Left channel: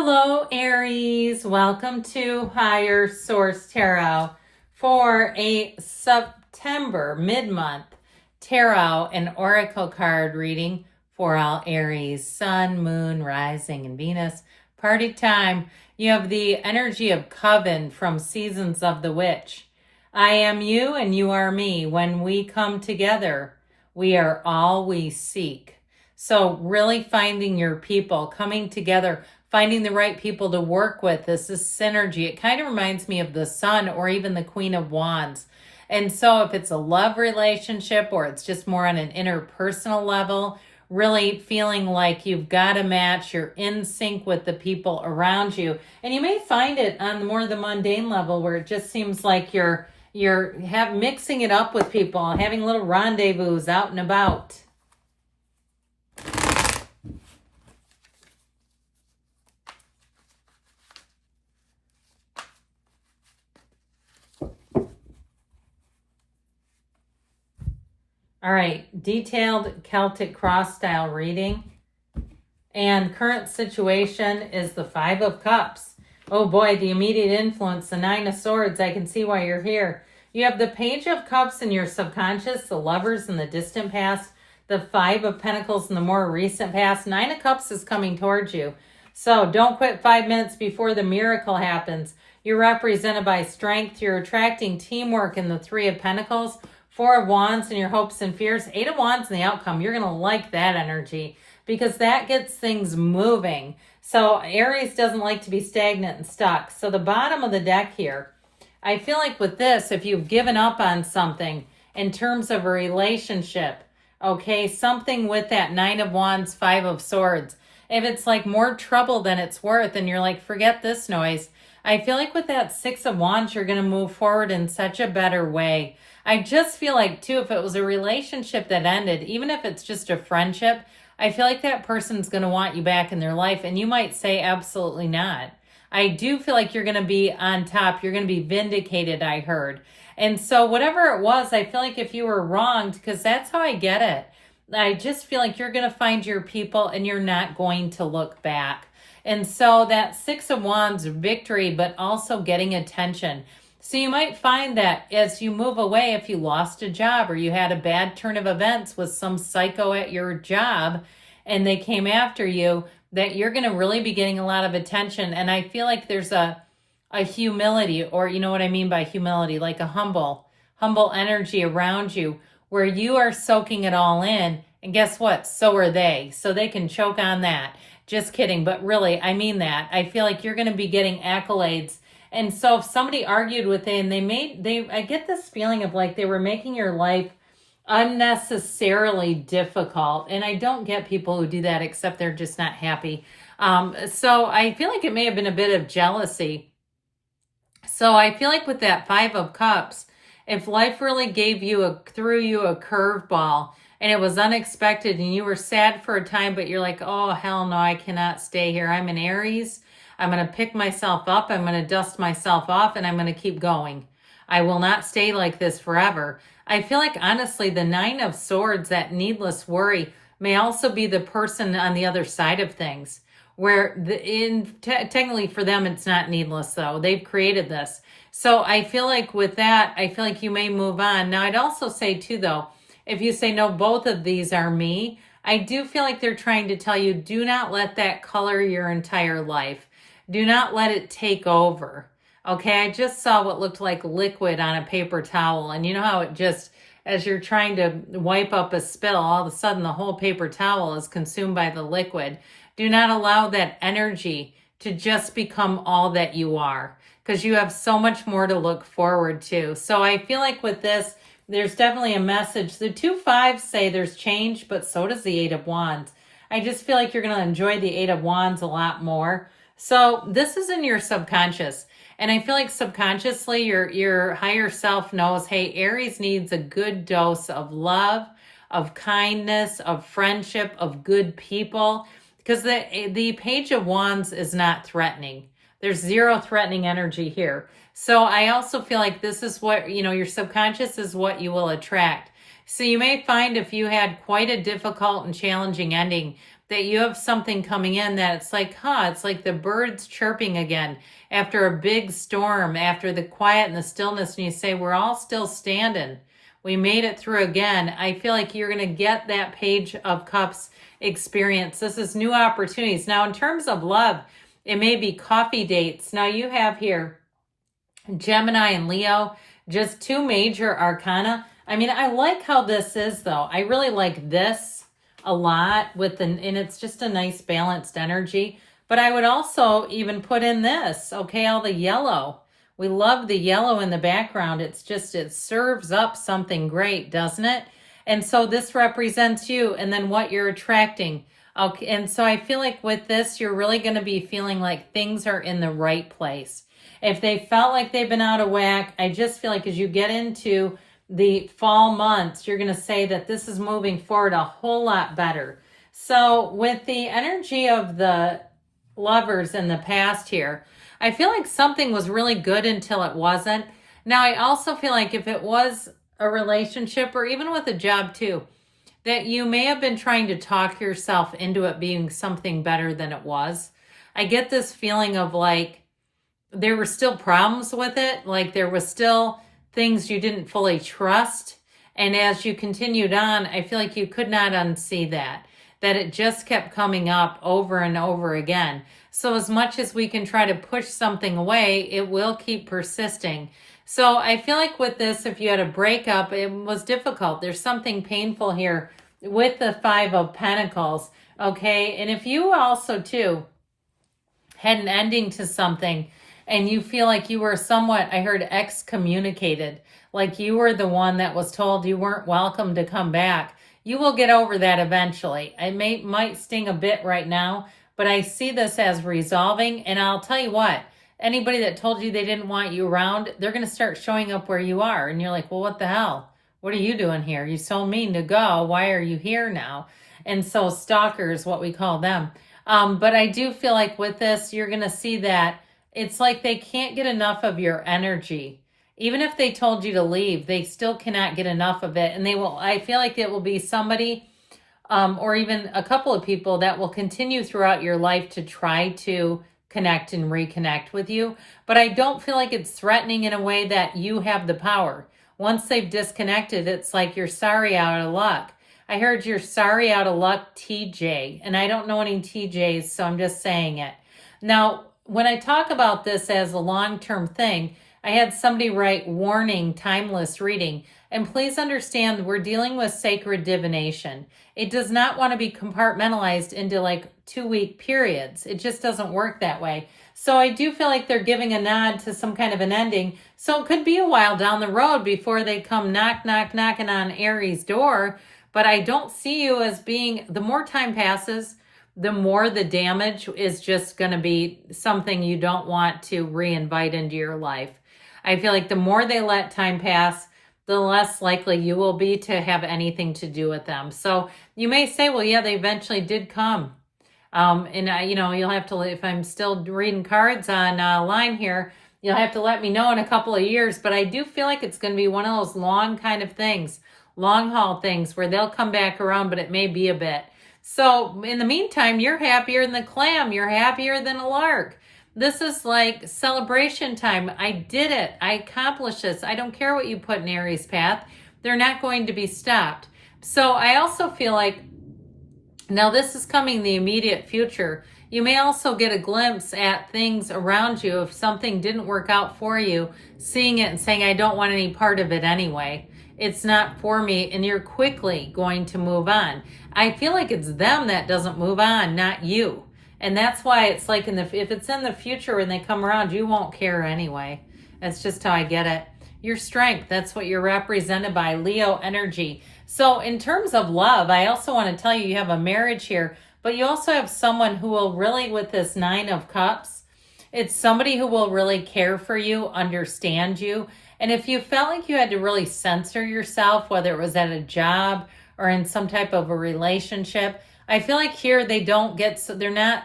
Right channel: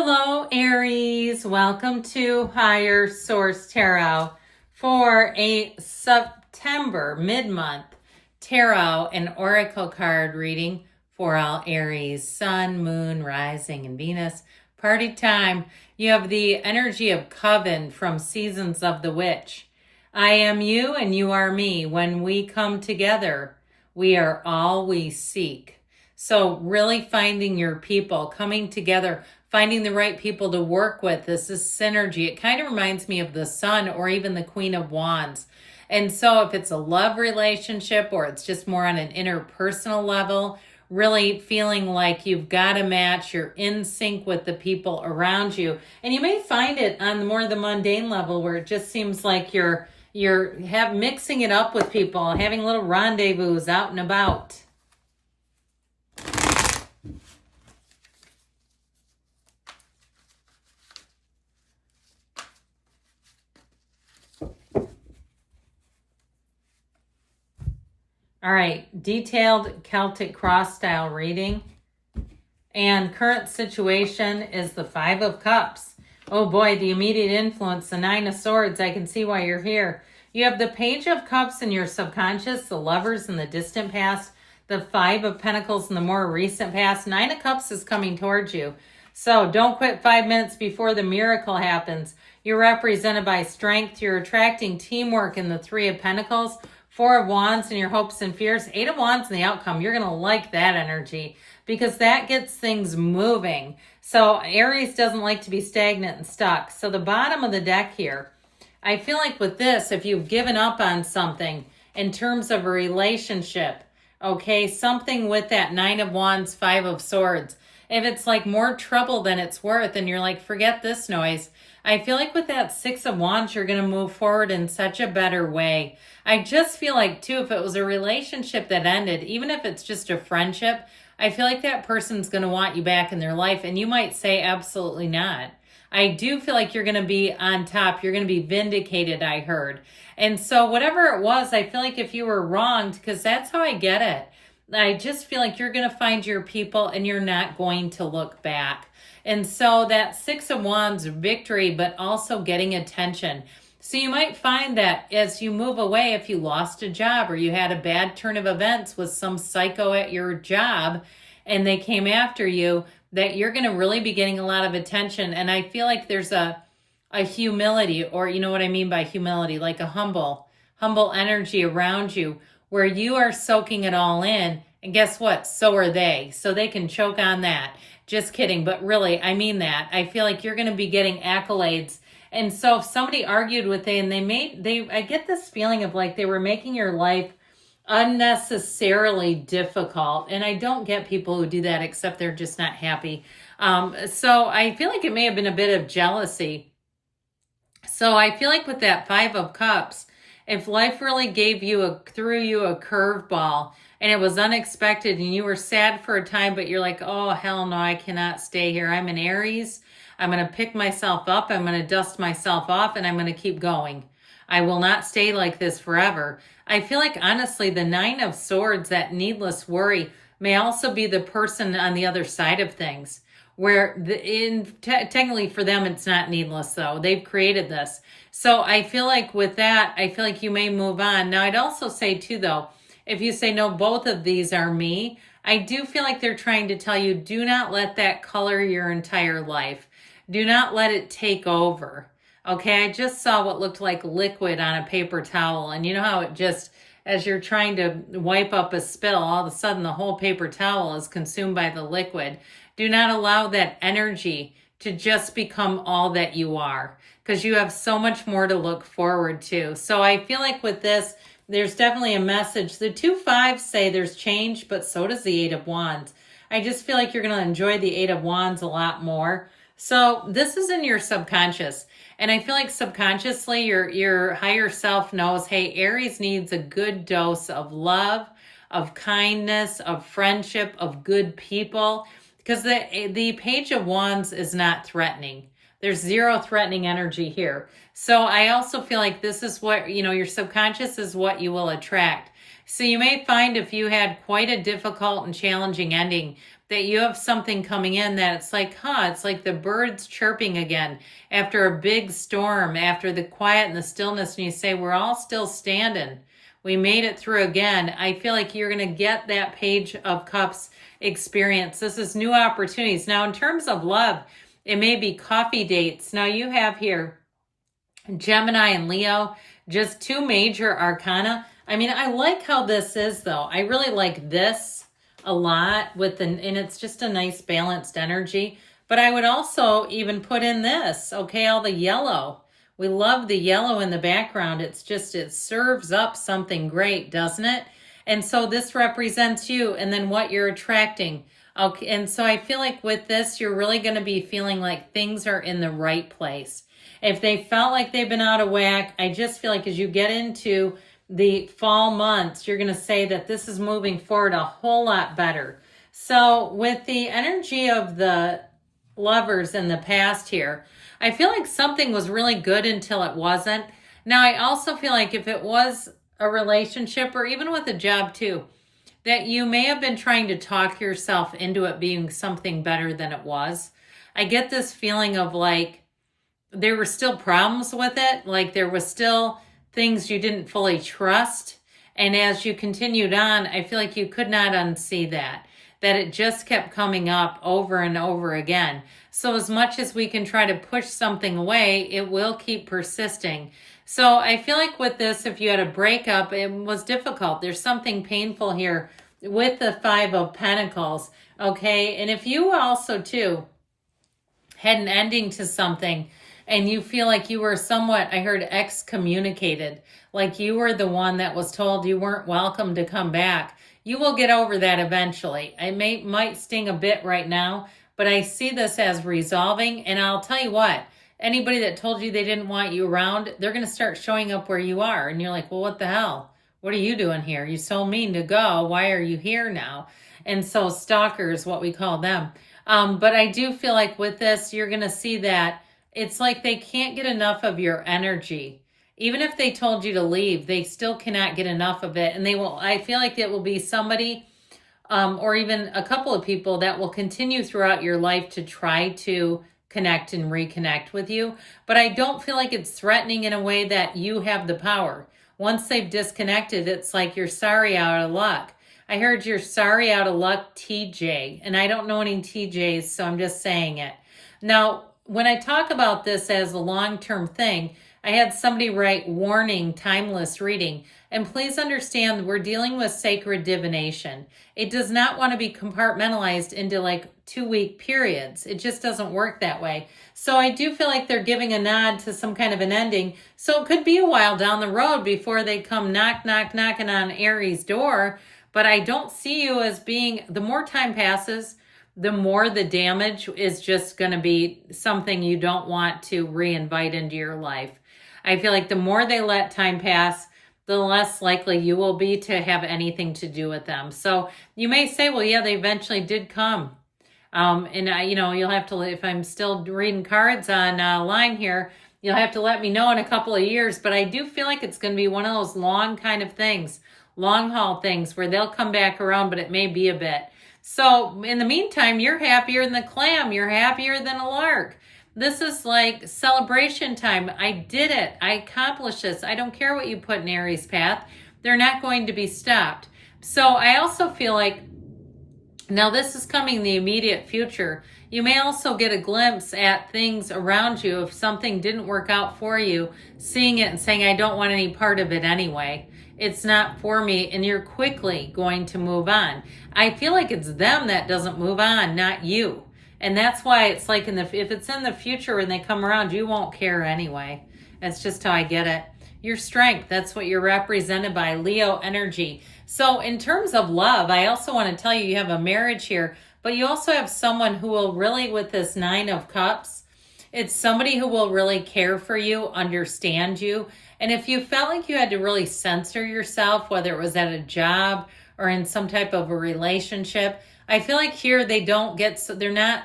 Hello, Aries. Welcome to Higher Source Tarot for a September mid-month tarot and oracle card reading for all Aries, Sun, Moon, Rising, and Venus. Party time. You have the energy of Coven from Seasons of the Witch. I am you and you are me. When we come together, we are all we seek. So really finding your people, coming together, finding the right people to work with. This is synergy. It kind of reminds me of the Sun or even the Queen of Wands. And so if it's a love relationship or it's just more on an interpersonal level, really feeling like you've got a match, you're in sync with the people around you. And you may find it on more the mundane level where it just seems like you're mixing it up with people, having little rendezvous out and about. All right, detailed Celtic cross style reading. And current situation is the Five of Cups. Oh boy, the immediate influence, the Nine of Swords. I can see why you're here. You have the Page of Cups in your subconscious, the Lovers in the distant past, the Five of Pentacles in the more recent past. Nine of Cups is coming towards you. So don't quit 5 minutes before the miracle happens. You're represented by strength. You're attracting teamwork in the Three of Pentacles. Four of Wands and your hopes and fears. Eight of Wands and the outcome. You're going to like that energy because that gets things moving. So Aries doesn't like to be stagnant and stuck. So the bottom of the deck here, I feel like with this, if you've given up on something in terms of a relationship, okay, something with that Nine of Wands, Five of Swords, if it's like more trouble than it's worth and you're like, forget this noise, I feel like with that Six of Wands, you're going to move forward in such a better way. I just feel like, too, if it was a relationship that ended, even if it's just a friendship, I feel like that person's going to want you back in their life. And you might say, absolutely not. I do feel like you're going to be on top. You're going to be vindicated, I heard. And so whatever it was, I feel like if you were wronged, because that's how I get it, I just feel like you're going to find your people and you're not going to look back. And so that Six of Wands, victory, but also getting attention. So you might find that as you move away, if you lost a job or you had a bad turn of events with some psycho at your job and they came after you, that you're going to really be getting a lot of attention. And I feel like there's a humility, or you know what I mean by humility, like a humble energy around you where you are soaking it all in. And guess what? So are they. So they can choke on that. Just kidding. But really, I mean that. I feel like you're going to be getting accolades. And so if somebody argued with you and I get this feeling of like they were making your life unnecessarily difficult. And I don't get people who do that except they're just not happy. So I feel like it may have been a bit of jealousy. So I feel like with that Five of Cups, if life really threw you a curveball and it was unexpected and you were sad for a time, but you're like, oh, hell no, I cannot stay here. I'm an Aries. I'm going to pick myself up, I'm going to dust myself off, and I'm going to keep going. I will not stay like this forever. I feel like, honestly, the Nine of Swords, that needless worry, may also be the person on the other side of things, where technically for them, it's not needless, though. They've created this. So I feel like with that, I feel like you may move on. Now, I'd also say, too, though, if you say, no, both of these are me, I do feel like they're trying to tell you, do not let that color your entire life. Do not let it take over. Okay, I just saw what looked like liquid on a paper towel. And you know how it just, as you're trying to wipe up a spill, all of a sudden the whole paper towel is consumed by the liquid. Do not allow that energy to just become all that you are, because you have so much more to look forward to. So I feel like with this, there's definitely a message. The 2 5s say there's change, but so does the Eight of Wands. I just feel like you're going to enjoy the Eight of Wands a lot more. So this is in your subconscious. And I feel like subconsciously your higher self knows, hey, Aries needs a good dose of love, of kindness, of friendship, of good people. Because the Page of Wands is not threatening. There's zero threatening energy here. So I also feel like this is what, your subconscious is what you will attract. So you may find if you had quite a difficult and challenging ending, that you have something coming in that it's like, it's like the birds chirping again after a big storm, after the quiet and the stillness, and you say, we're all still standing. We made it through again. I feel like you're going to get that Page of Cups experience. This is new opportunities. Now, in terms of love, it may be coffee dates. Now, you have here Gemini and Leo, just two major arcana. I mean, I like how this is, though. I really like this a lot and it's just a nice balanced energy. But I would also even put in this, okay, all the yellow. We love the yellow in the background. It's just, it serves up something great, doesn't it? And so this represents you and then what you're attracting. Okay, and so I feel like with this, you're really going to be feeling like things are in the right place. If they felt like they've been out of whack, I just feel like as you get into the fall months, you're going to say that this is moving forward a whole lot better. So with the energy of the lovers in the past here, I feel like something was really good until it wasn't. Now, I also feel like if it was a relationship or even with a job too, that you may have been trying to talk yourself into it being something better than it was. I get this feeling of like there were still problems with it, like there was still things you didn't fully trust. And as you continued on, I feel like you could not unsee that it just kept coming up over and over again. So as much as we can try to push something away, it will keep persisting. So I feel like with this, if you had a breakup, it was difficult. There's something painful here with the Five of Pentacles, okay? And if you also, too, had an ending to something and you feel like you were somewhat, I heard, excommunicated, like you were the one that was told you weren't welcome to come back, you will get over that eventually. It might sting a bit right now, but I see this as resolving. And I'll tell you what, anybody that told you they didn't want you around, they're going to start showing up where you are. And you're like, well, what the hell? What are you doing here? You so mean to go. Why are you here now? And so stalkers, what we call them. But I do feel like with this, you're going to see that it's like they can't get enough of your energy. Even if they told you to leave, they still cannot get enough of it. And I feel like it will be somebody or even a couple of people that will continue throughout your life to try to connect and reconnect with you. But I don't feel like it's threatening in a way that you have the power. Once they've disconnected, it's like you're sorry out of luck. I heard you're sorry out of luck, TJ. And I don't know any TJs, so I'm just saying it. Now, when I talk about this as a long-term thing, I had somebody write, warning, timeless reading. And please understand, we're dealing with sacred divination. It does not want to be compartmentalized into like 2-week periods. It just doesn't work that way. So I do feel like they're giving a nod to some kind of an ending. So it could be a while down the road before they come knocking on Aries' door. But I don't see you as being, the more time passes, the more the damage is just going to be something you don't want to reinvite into your life. I feel like the more they let time pass, the less likely you will be to have anything to do with them. So you may say, well, yeah, they eventually did come. You'll have to, if I'm still reading cards on line here, you'll have to let me know in a couple of years. But I do feel like it's going to be one of those long kind of things, long haul things where they'll come back around, but it may be a bit. So in the meantime, you're happier than the clam. You're happier than a lark. This is like celebration time. I did it. I accomplished this. I don't care what you put in Aries' path. They're not going to be stopped. So I also feel like, now this is coming in the immediate future. You may also get a glimpse at things around you. If something didn't work out for you, seeing it and saying, I don't want any part of it anyway. It's not for me. And you're quickly going to move on. I feel like it's them that doesn't move on, not you. And that's why it's like if it's in the future when they come around, you won't care anyway. That's just how I get it. Your strength, that's what you're represented by, Leo energy. So in terms of love, I also want to tell you, you have a marriage here, but you also have someone who will really, with this 9 of Cups, it's somebody who will really care for you, understand you. And if you felt like you had to really censor yourself, whether it was at a job or in some type of a relationship, I feel like here they're not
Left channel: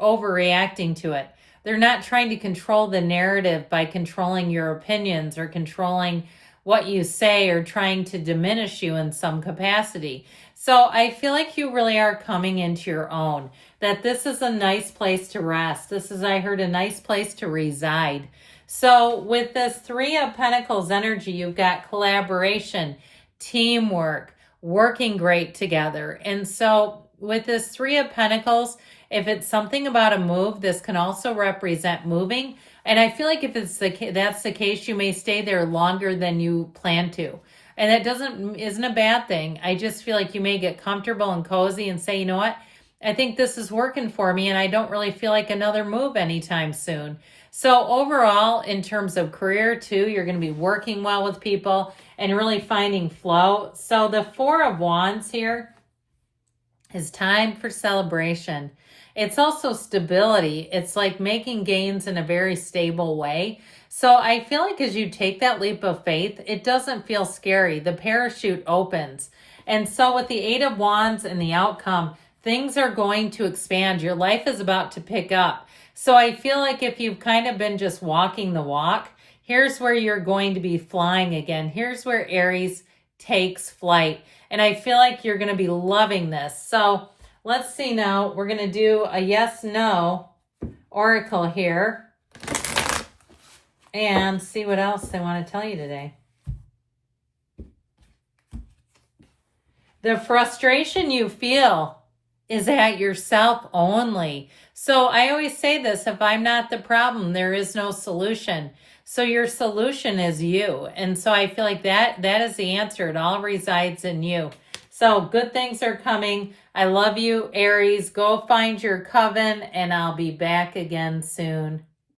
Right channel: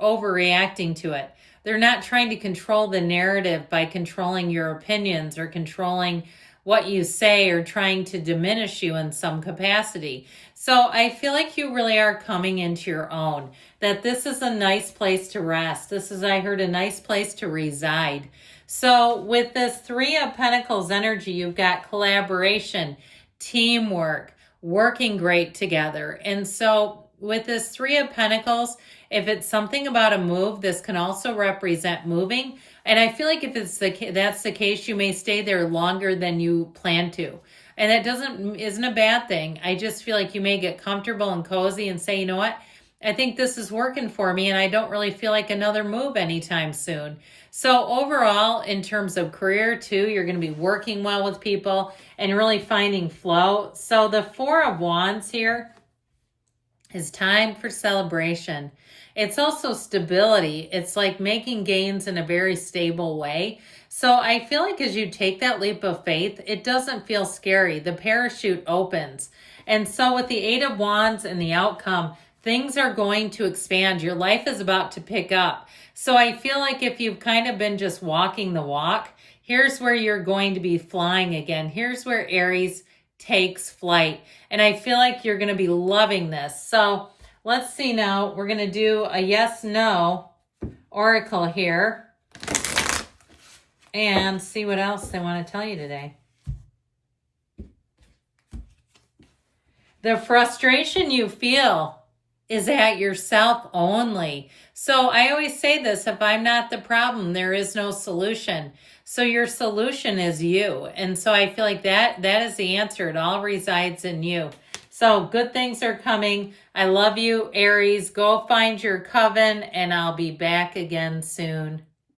overreacting to it. They're not trying to control the narrative by controlling your opinions or controlling what you say or trying to diminish you in some capacity. So I feel like you really are coming into your own, that this is a nice place to rest. This is, I heard, a nice place to reside. So with this Three of Pentacles energy, you've got collaboration, teamwork, working great together. And so with this Three of Pentacles, if it's something about a move, this can also represent moving. And I feel like if that's the case, you may stay there longer than you plan to. And that isn't a bad thing. I just feel like you may get comfortable and cozy and say, you know what, I think this is working for me and I don't really feel like another move anytime soon. So overall, in terms of career too, you're going to be working well with people and really finding flow. So the Four of Wands here is time for celebration. It's also stability. It's like making gains in a very stable way. So I feel like as you take that leap of faith, it doesn't feel scary. The parachute opens. And so with the Eight of Wands and the outcome, things are going to expand. Your life is about to pick up. So I feel like if you've kind of been just walking the walk, here's where you're going to be flying again. Here's where Aries takes flight. And I feel like you're going to be loving this. So let's see now. We're going to do a yes/no oracle here and see what else they want to tell you today. The frustration you feel is at yourself only. So I always say this, if I'm not the problem, there is no solution. So your solution is you. And so I feel like that is the answer. It all resides in you. So good things are coming. I love you, Aries. Go find your coven, and I'll be back again soon.